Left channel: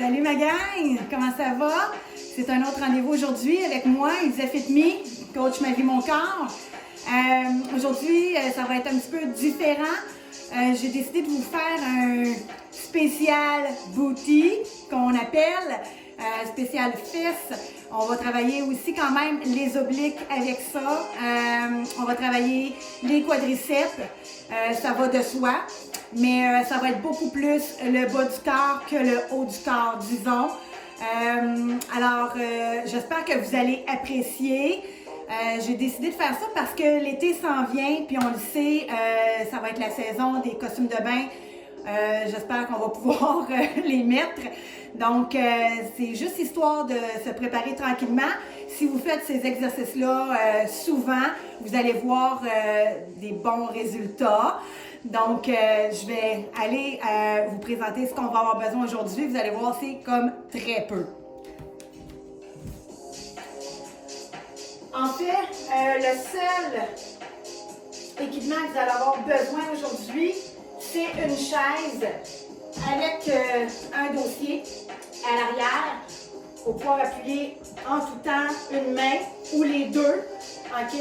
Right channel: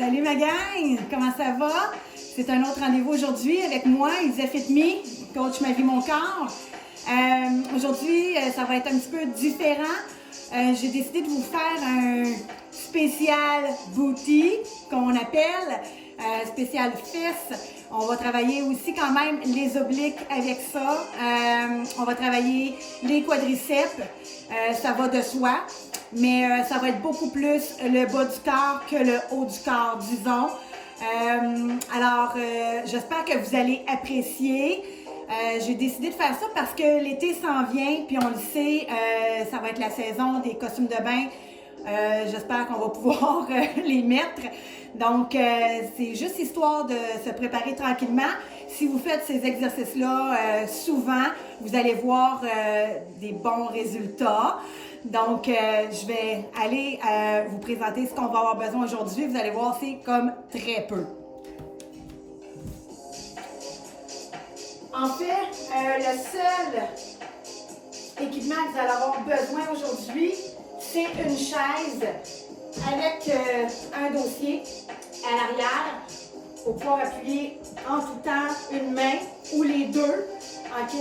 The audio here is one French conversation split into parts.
Salut ma gang, comment ça va? C'est un autre rendez-vous aujourd'hui avec moi, Isa Fit Me, coach Ma Vie Mon Corps. Aujourd'hui, ça va être un petit peu différent. J'ai décidé de vous faire un spécial booty qu'on appelle spécial fesses. On va travailler aussi quand même les obliques avec ça. On va travailler les quadriceps. Ça va de soi. Mais ça va être beaucoup plus le bas du corps que le haut du corps, disons. J'espère que vous allez apprécier. J'ai décidé de faire ça parce que l'été s'en vient, puis on le sait, ça va être la saison des costumes de bain. J'espère qu'on va pouvoir les mettre. Donc, c'est juste histoire de se préparer tranquillement. Si vous faites ces exercices-là souvent, vous allez voir des bons résultats. Donc, je vais aller vous présenter ce qu'on va avoir besoin aujourd'hui. Vous allez voir, c'est comme très peu. En fait, le seul équipement que vous allez avoir besoin aujourd'hui, c'est une chaise avec un dossier à l'arrière pour pouvoir appuyer en tout temps une main ou les deux. OK?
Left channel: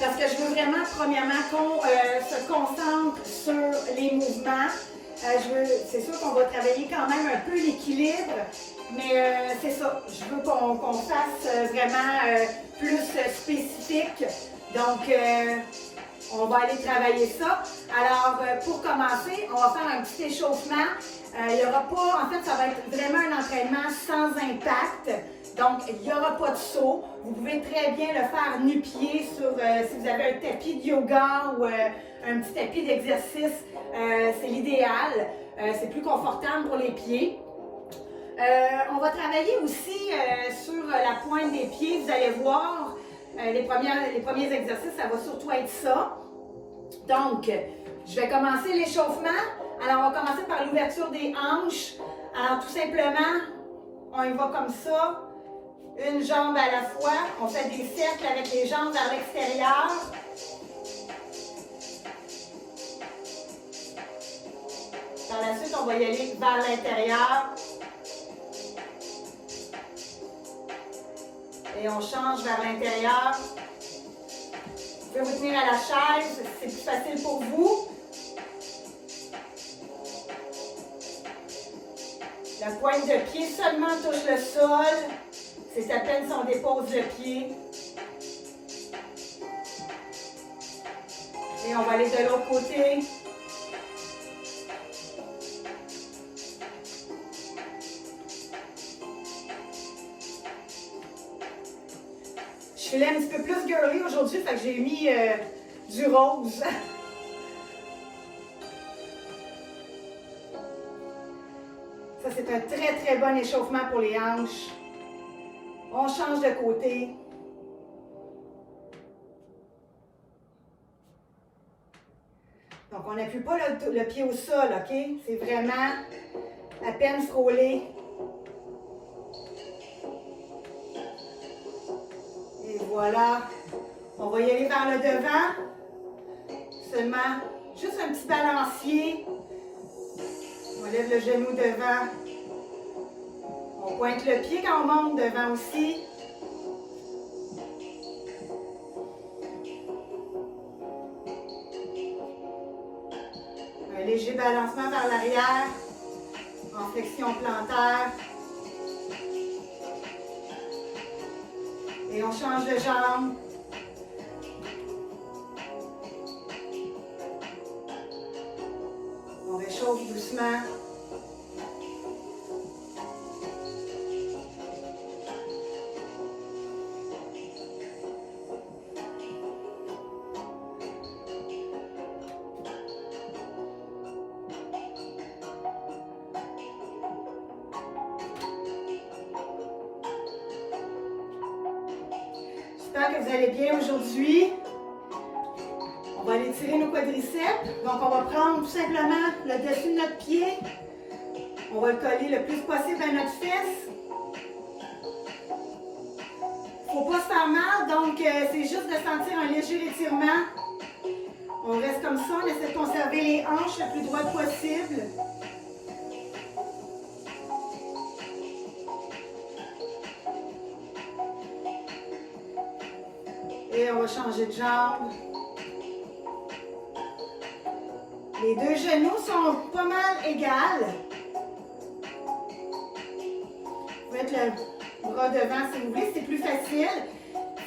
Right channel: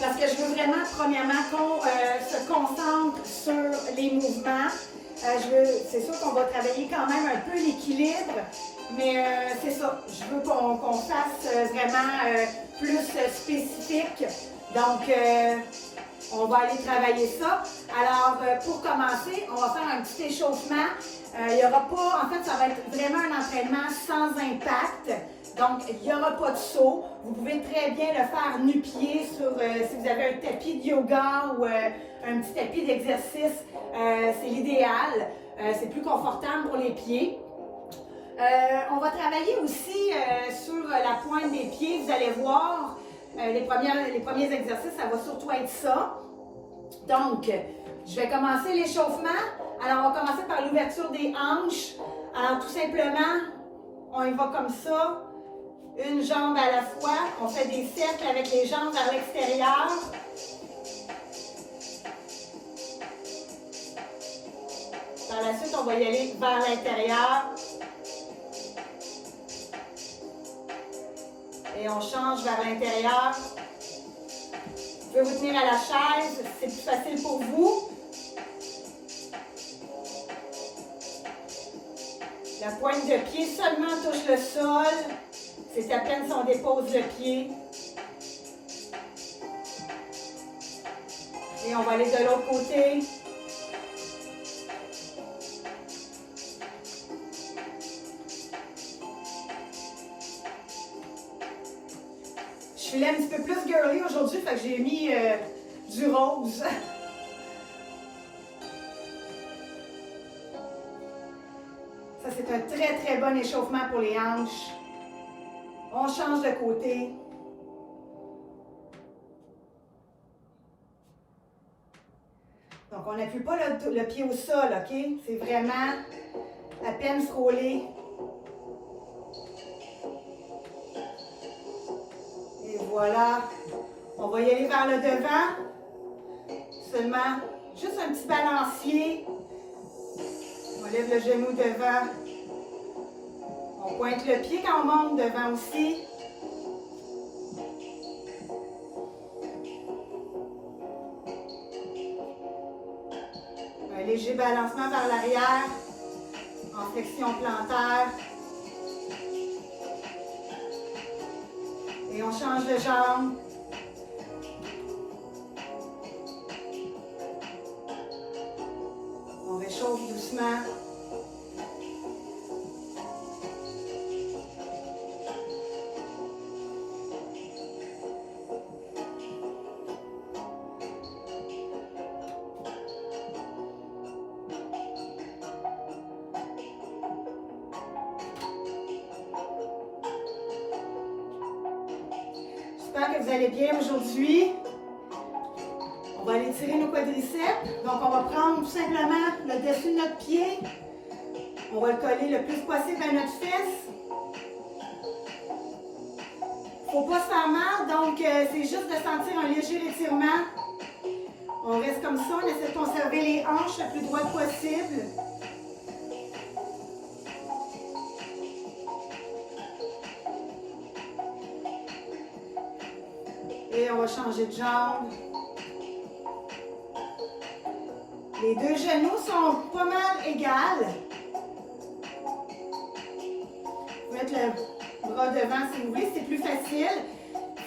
Parce que je veux vraiment, premièrement, qu'on se concentre sur les mouvements. C'est sûr qu'on va travailler quand même un peu l'équilibre, mais c'est ça. Je veux qu'on fasse vraiment plus spécifique. Donc, on va aller travailler ça. Alors, pour commencer, on va faire un petit échauffement. Il n'y aura pas, en fait, ça va être vraiment un entraînement sans impact. Donc, il n'y aura pas de saut. Vous pouvez très bien le faire nu-pied sur, si vous avez un tapis de yoga ou un petit tapis d'exercice, c'est l'idéal. C'est plus confortable pour les pieds. On va travailler aussi sur la pointe des pieds. Vous allez voir, les premiers exercices, ça va surtout être ça. Donc, je vais commencer l'échauffement. Alors, on va commencer par l'ouverture des hanches. Alors, tout simplement, on y va comme ça. Une jambe à la fois. On fait des cercles avec les jambes vers l'extérieur. Par la suite, on va y aller vers l'intérieur. Et on change vers l'intérieur. Vous pouvez vous tenir à la chaise, c'est plus facile pour vous. La pointe de pied seulement touche le sol. C'est à peine si on dépose le pied. Et on va aller de l'autre côté. Je suis un petit peu plus girly aujourd'hui, fait que j'ai mis du rose. Ça, c'est un très, très bon échauffement pour les hanches. On change de côté. Donc, on n'appuie pas le pied au sol, OK? C'est vraiment à peine frôler. Et voilà. On va y aller vers le devant. Seulement, juste un petit balancier. On lève le genou devant. On pointe le pied quand on monte devant aussi. Un léger balancement vers l'arrière, en flexion plantaire. Et on change de jambe. On réchauffe doucement. J'espère que vous allez bien aujourd'hui. On va aller tirer nos quadriceps. Donc, on va prendre tout simplement le dessus de notre pied. On va le coller le plus possible à notre fesse. Il ne faut pas se faire mal, donc c'est juste de sentir un léger étirement. On reste comme ça, on essaie de conserver les hanches le plus droites possible. Et on va changer de jambe. Les deux genoux sont pas mal égales. Vous pouvez mettre le bras devant si vous voulez, c'est plus facile.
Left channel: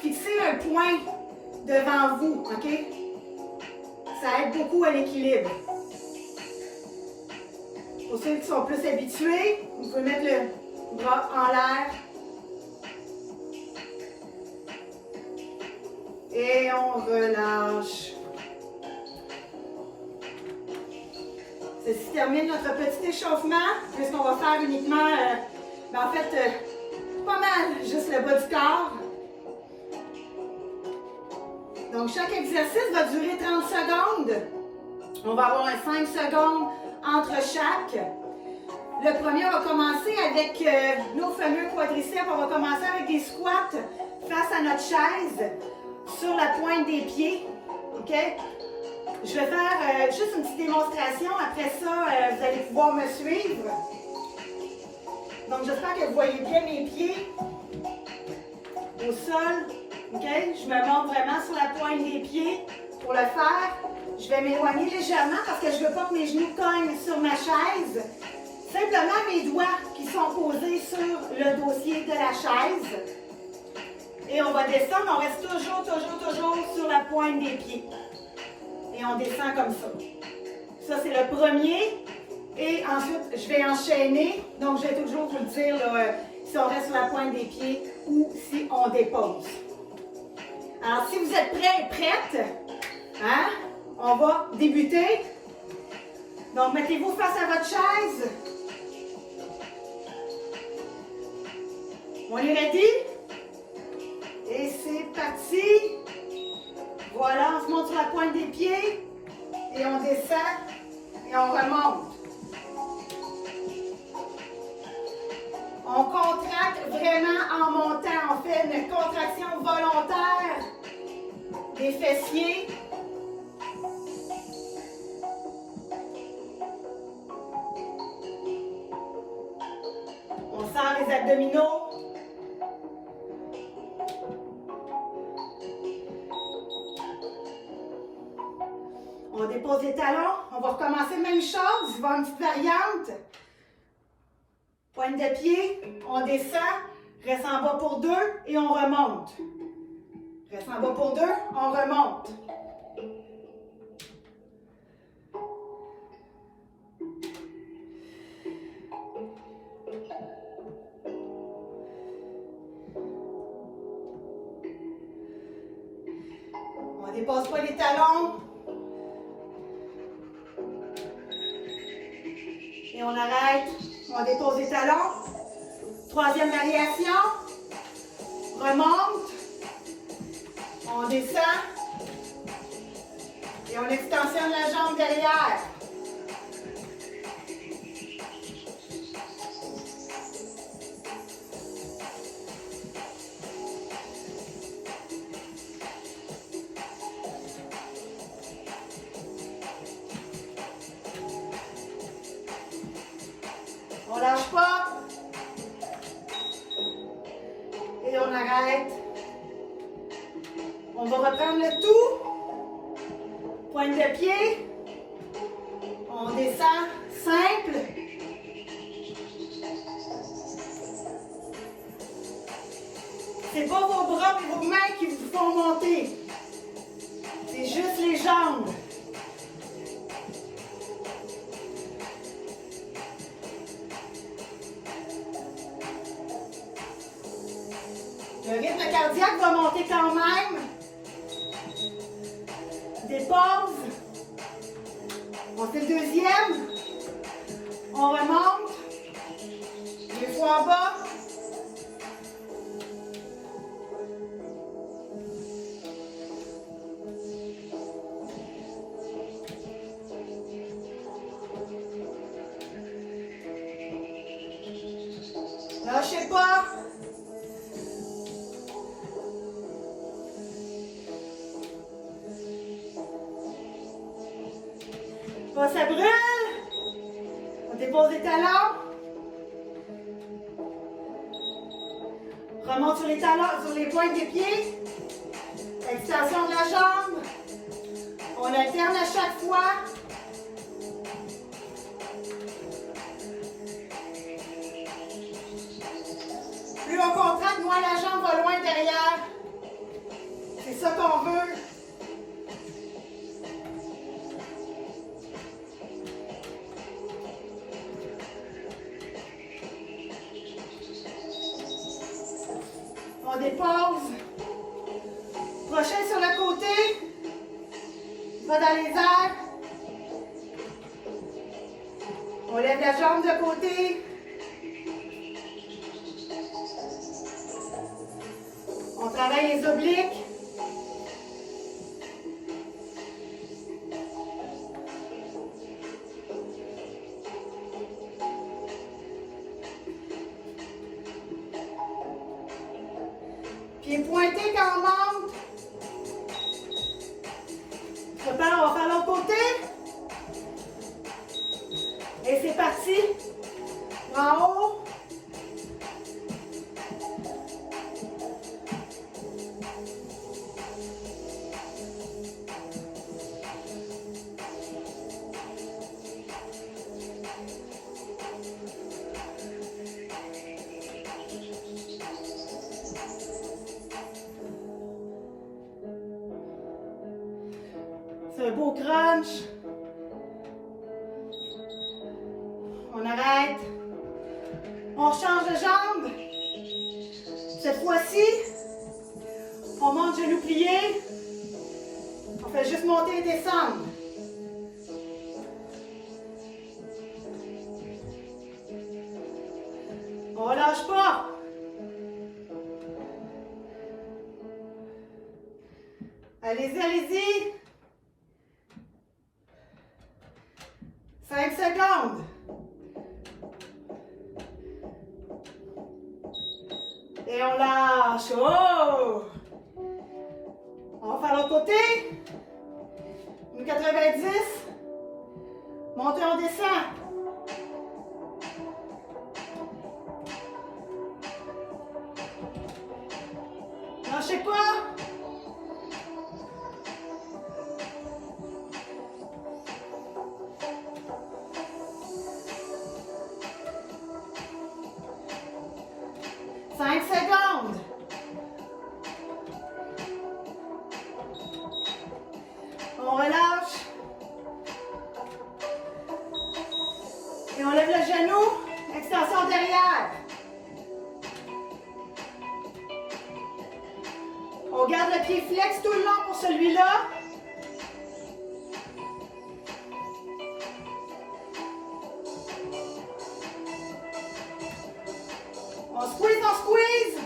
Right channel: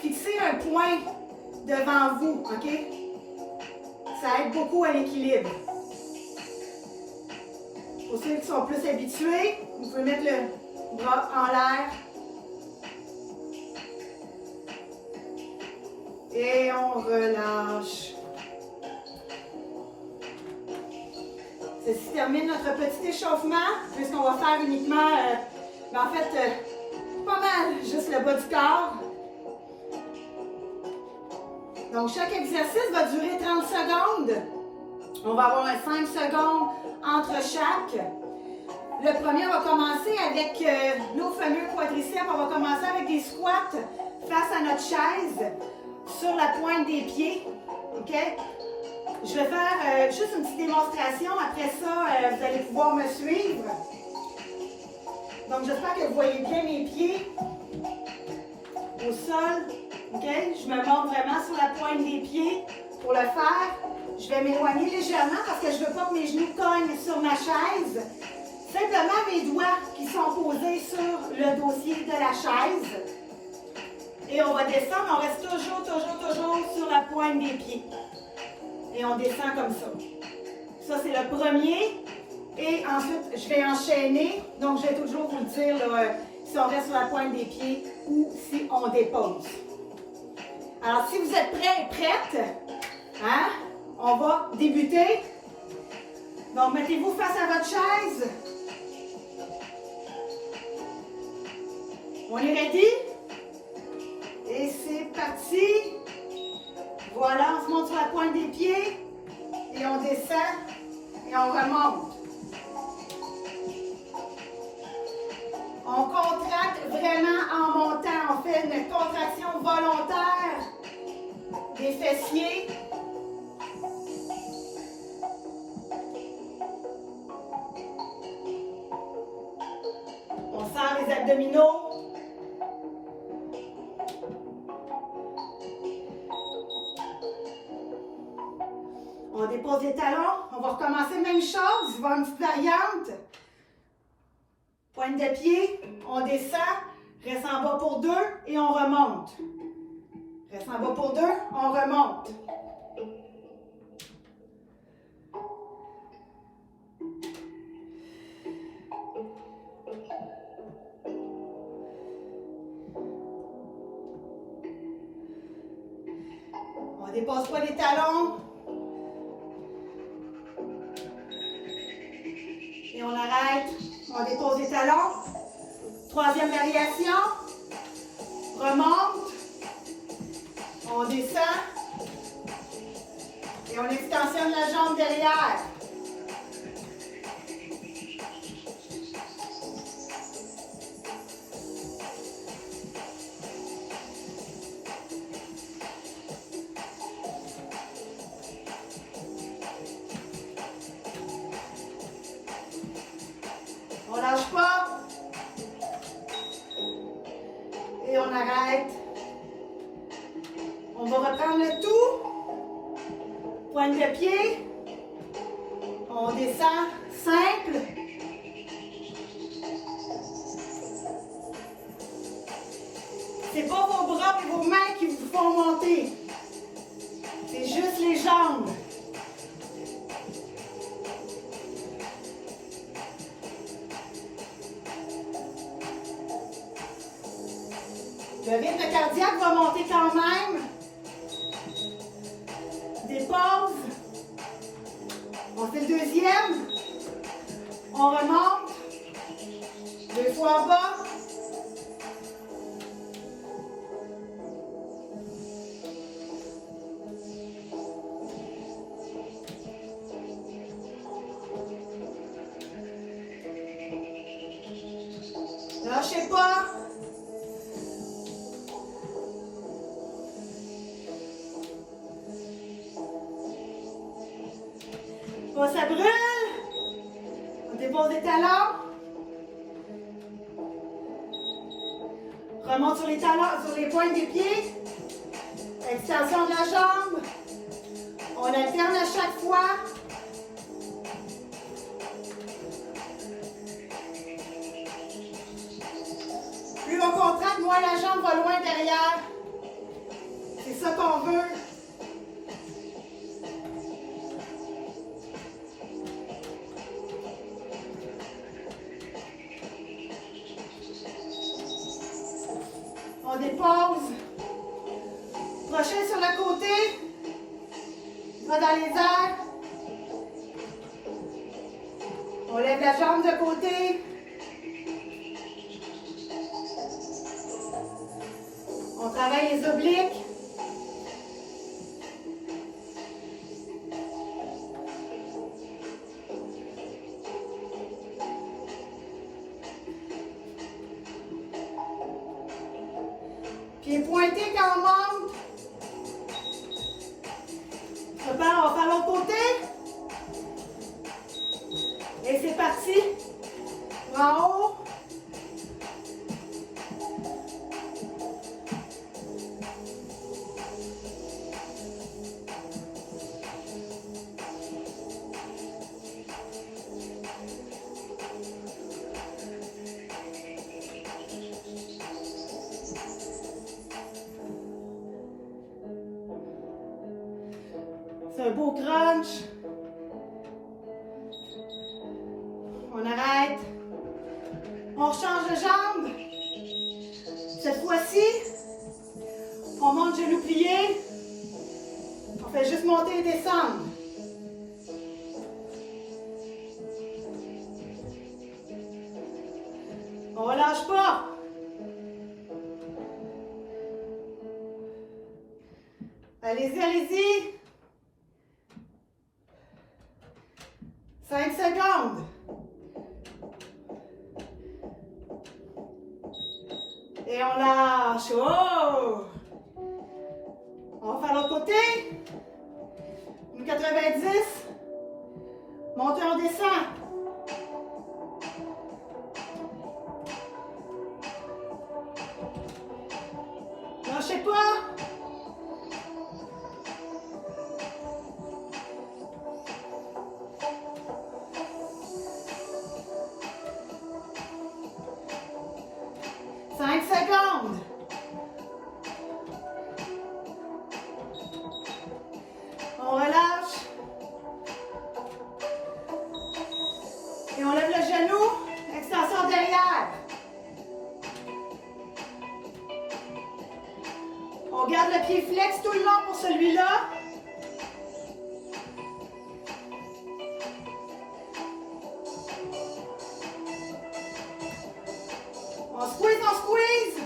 Fixez un point devant vous, OK? Ça aide beaucoup à l'équilibre. Pour ceux qui sont plus habitués, vous pouvez mettre le bras en l'air. Et on relâche. Ceci termine notre petit échauffement, puisqu'on va faire uniquement, en fait, pas mal, juste le bas du corps. Donc, chaque exercice va durer 30 secondes. On va avoir 5 secondes entre chaque. Le premier, on va commencer avec nos fameux quadriceps. On va commencer avec des squats face à notre chaise, sur la pointe des pieds. OK? Je vais faire juste une petite démonstration. Après ça, vous allez pouvoir me suivre. Donc, j'espère que vous voyez bien mes pieds au sol. OK? Je me monte vraiment sur la pointe des pieds. Pour le faire, je vais m'éloigner légèrement parce que je ne veux pas que mes genoux cognent sur ma chaise. Simplement mes doigts qui sont posés sur le dossier de la chaise. Et on va descendre, on reste toujours sur la pointe des pieds. Et on descend comme ça. Ça, c'est le premier. Et ensuite, je vais enchaîner. Donc, je vais toujours vous le dire là, si on reste sur la pointe des pieds ou si on dépose. Alors, si vous êtes prêts et prêtes, hein, on va débuter. Donc, mettez-vous face à votre chaise. On est ready? Et c'est parti. Voilà, on se monte sur la pointe des pieds. Et on descend. Et on remonte. On contracte vraiment en montant. On fait une contraction volontaire des fessiers. On serre les abdominaux. On dépose les talons. On va recommencer même chose. Il va y avoir une petite variante. Pointe de pied, on descend, reste en bas pour 2 et on remonte. Reste en bas pour 2, on remonte. On ne dépose pas les talons. Et on arrête. On dépose les talons. Troisième variation. Remonte. On descend. Et on extensionne la jambe derrière. On lâche pas. Et on arrête. On va reprendre le tout. Pointe de pied. On descend. Simple. C'est pas vos bras et vos mains qui vous font monter. C'est juste les jambes. Le rythme cardiaque va monter quand même. Des pauses. On fait le deuxième. On remonte. 2 fois en bas. Lâchez pas. Ça brûle. On dépose les talons. Remonte sur les talons, sur les pointes des pieds. Extension de la jambe. On alterne à chaque fois. Plus on contracte, moins la jambe va loin derrière. C'est ça qu'on veut. On dépose. Prochain sur le côté. Va dans les airs. On lève la jambe de côté. On travaille les obliques. Pieds pointés quand on monte. Prépare, on va faire l'autre côté. Et c'est parti. En haut. C'est un beau crunch. On arrête. On change de jambe. Cette fois-ci, on monte genou plié. On fait juste monter et descendre. On relâche pas. Allez-y, allez-y. 5 secondes. Et on lâche. Oh! On va faire l'autre côté. Une 90. Montez, on descend. Lâchez pas. On relâche. Et on lève le genou. Extension derrière. On garde le pied flex tout le long pour celui-là. On squeeze, on squeeze.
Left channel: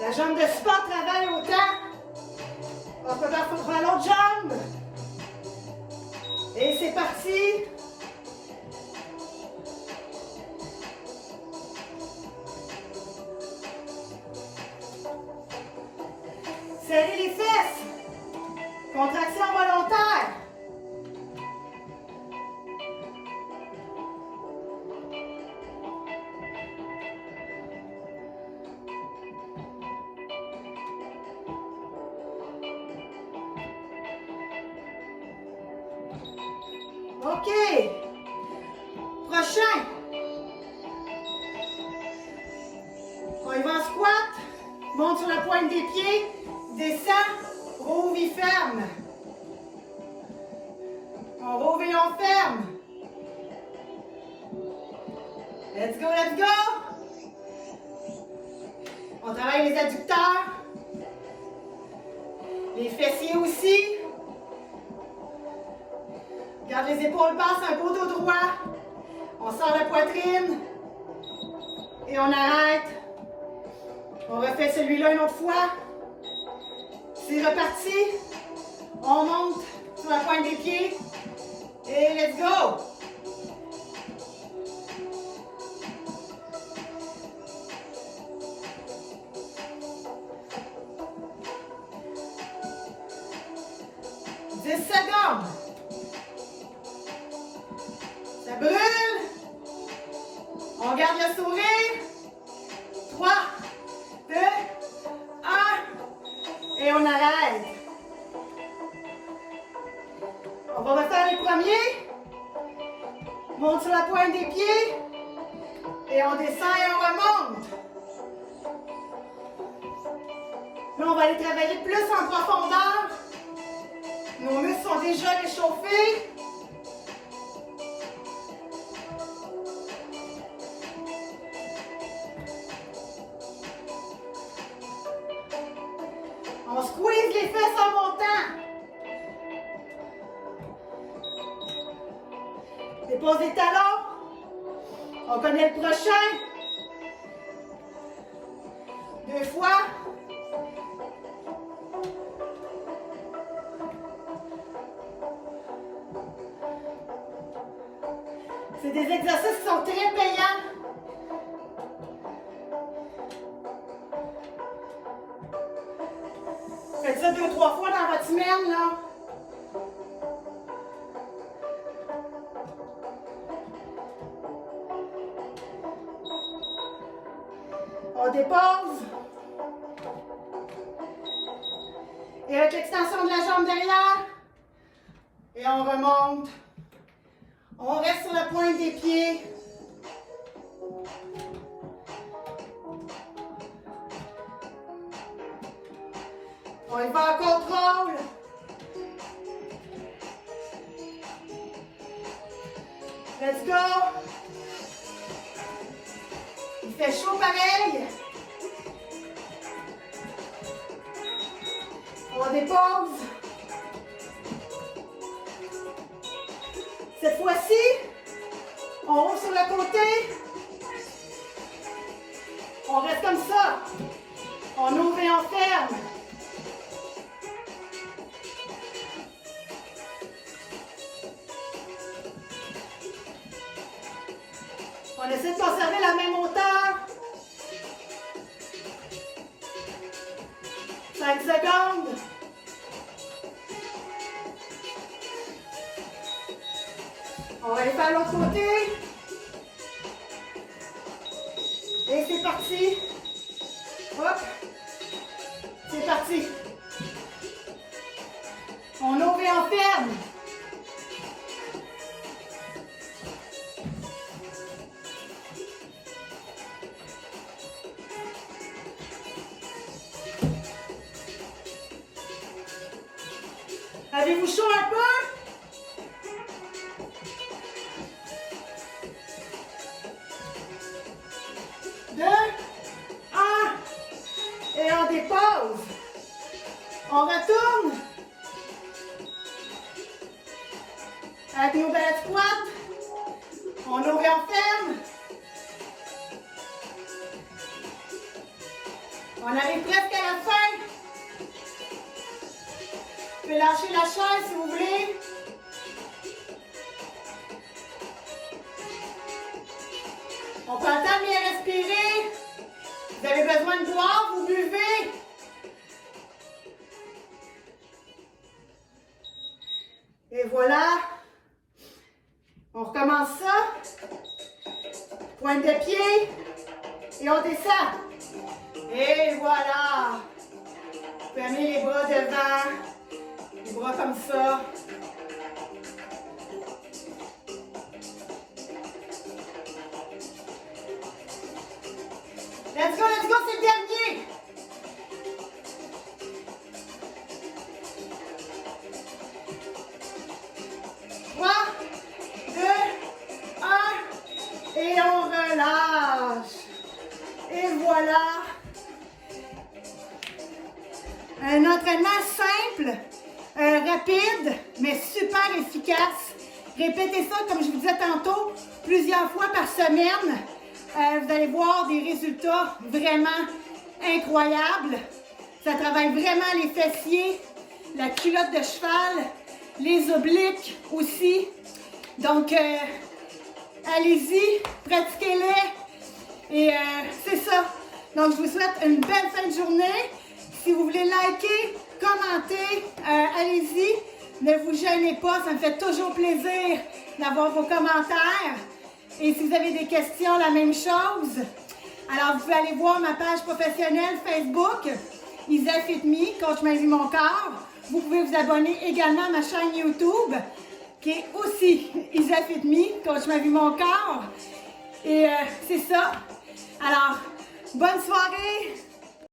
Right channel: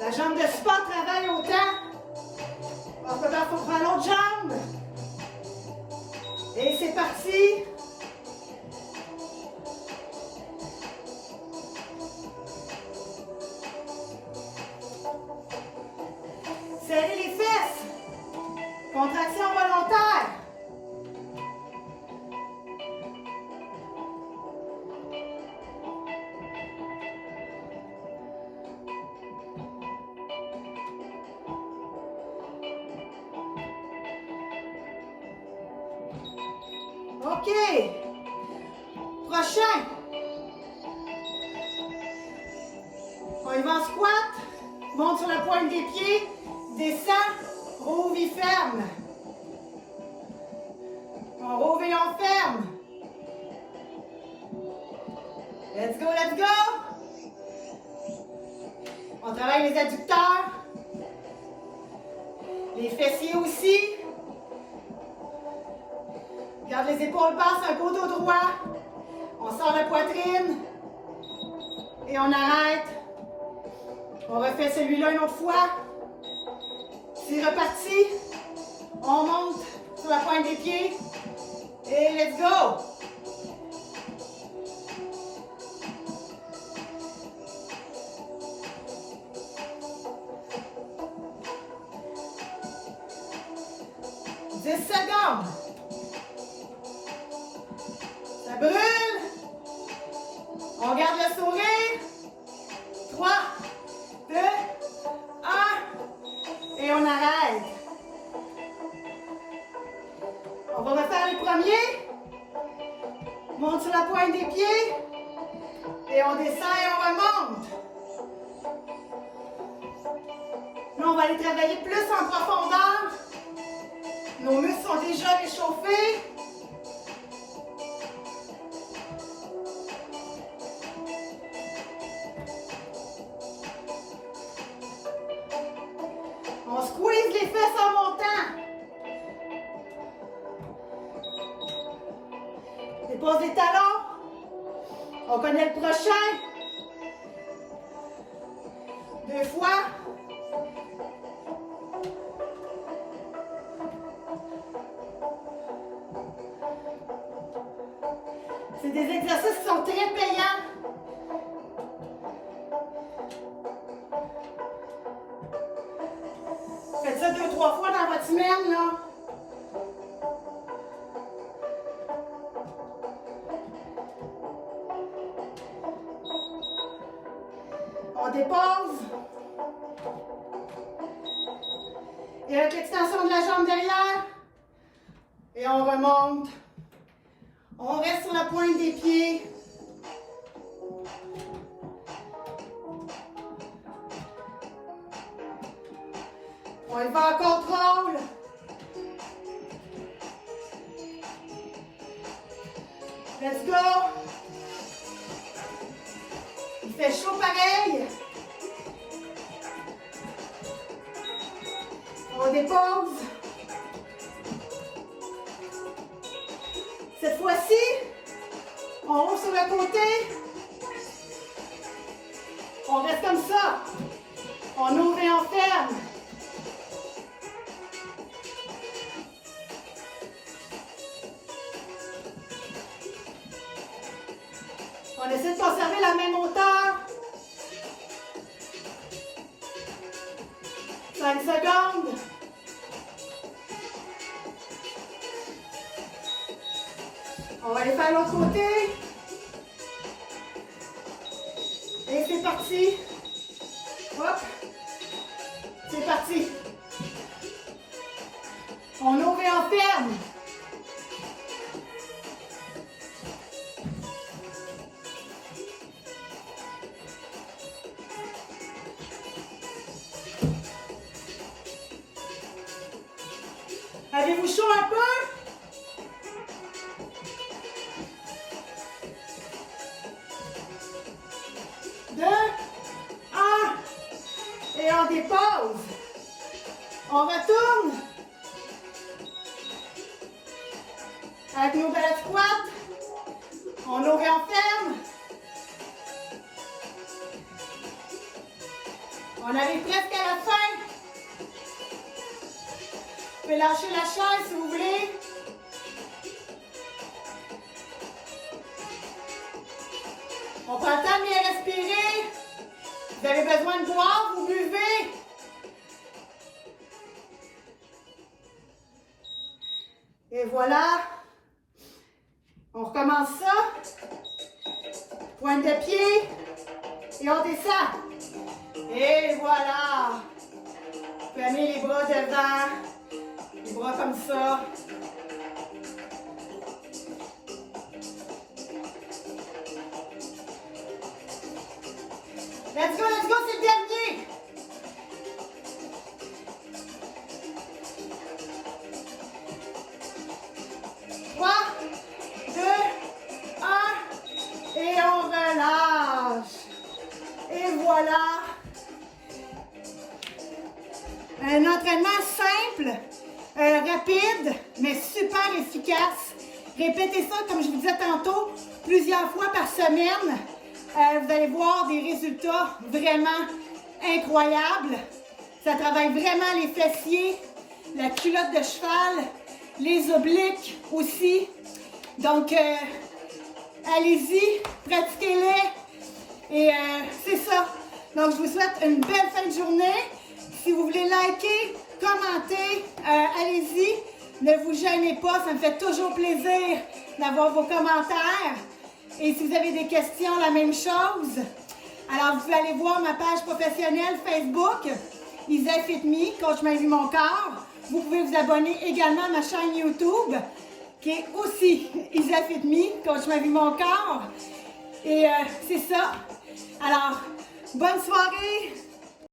La jambe de support travaille autant. On peut faire l'autre jambe. Et c'est parti. Serrez les fesses. Contraction volontaire. OK. Prochain. On y va en squat. Monte sur la pointe des pieds. Descend. Rouvre et ferme. On rouvre et on ferme. Let's go, let's go. On travaille les adducteurs. Les fessiers aussi. Garde les épaules basses, un dos droit. On sort la poitrine. Et on arrête. On refait celui-là une autre fois. C'est reparti. On monte sur la pointe des pieds. Et let's go. Secondes. Ça brûle. On garde le sourire. 3, 2, 1. Et on arrête. On va refaire les premiers. Monte sur la pointe des pieds. Et on descend et on remonte. Là, on va aller travailler plus en profondeur. Nos muscles sont déjà réchauffés. On squeeze les fesses en montant. Dépose des talons. On connaît le prochain. 2 fois. C'est des exercices qui sont très payants. Faites ça 2-3 fois dans votre semaine, là. On dépose. Et avec l'extension de la jambe derrière. Et on remonte. On reste sur la pointe des pieds. On y va en contrôle. Let's go. Il fait chaud pareil. On dépose. Cette fois-ci, on roule sur le côté. On reste comme ça. On ouvre et on ferme. On essaie de conserver la même hauteur. 5 secondes. On va aller faire l'autre côté. Et c'est parti. Hop. C'est parti. On ouvre et on ferme. Avez-vous chaud un peu? Et on dépose. On retourne. Avec nos belles squats. On ouvre et on ferme. On arrive presque à la fin. Vous pouvez lâcher la chaise si vous voulez. On prend le temps de bien respirer. Vous avez besoin de boire, vous buvez. Et voilà. On recommence ça. Pointe de pied. Et on descend. Et voilà. Vous pouvez amener les bras devant. Les bras comme ça. Let's go, c'est le dernier. Trois, 2, 1, et on relâche. Et voilà. Un entraînement simple, rapide, mais super efficace. Répétez ça, comme je vous disais tantôt, plusieurs fois par semaine. Vous allez voir des résultats vraiment incroyables. Ça travaille vraiment les fessiers, la culotte de cheval, les obliques aussi. Donc, allez-y, pratiquez-les. Et c'est ça. Donc, je vous souhaite une belle fin de journée. Si vous voulez liker, commenter, allez-y. Ne vous gênez pas, ça me fait toujours plaisir d'avoir vos commentaires. Et si vous avez des questions, la même chose. Alors, vous pouvez aller voir ma page professionnelle Facebook, Isel Fit Me, Coach Ma Vie Mon Corps. Vous pouvez vous abonner également à ma chaîne YouTube, qui est aussi Isel Fit Me, Coach Ma Vie Mon Corps. Et c'est ça. Alors, bonne soirée!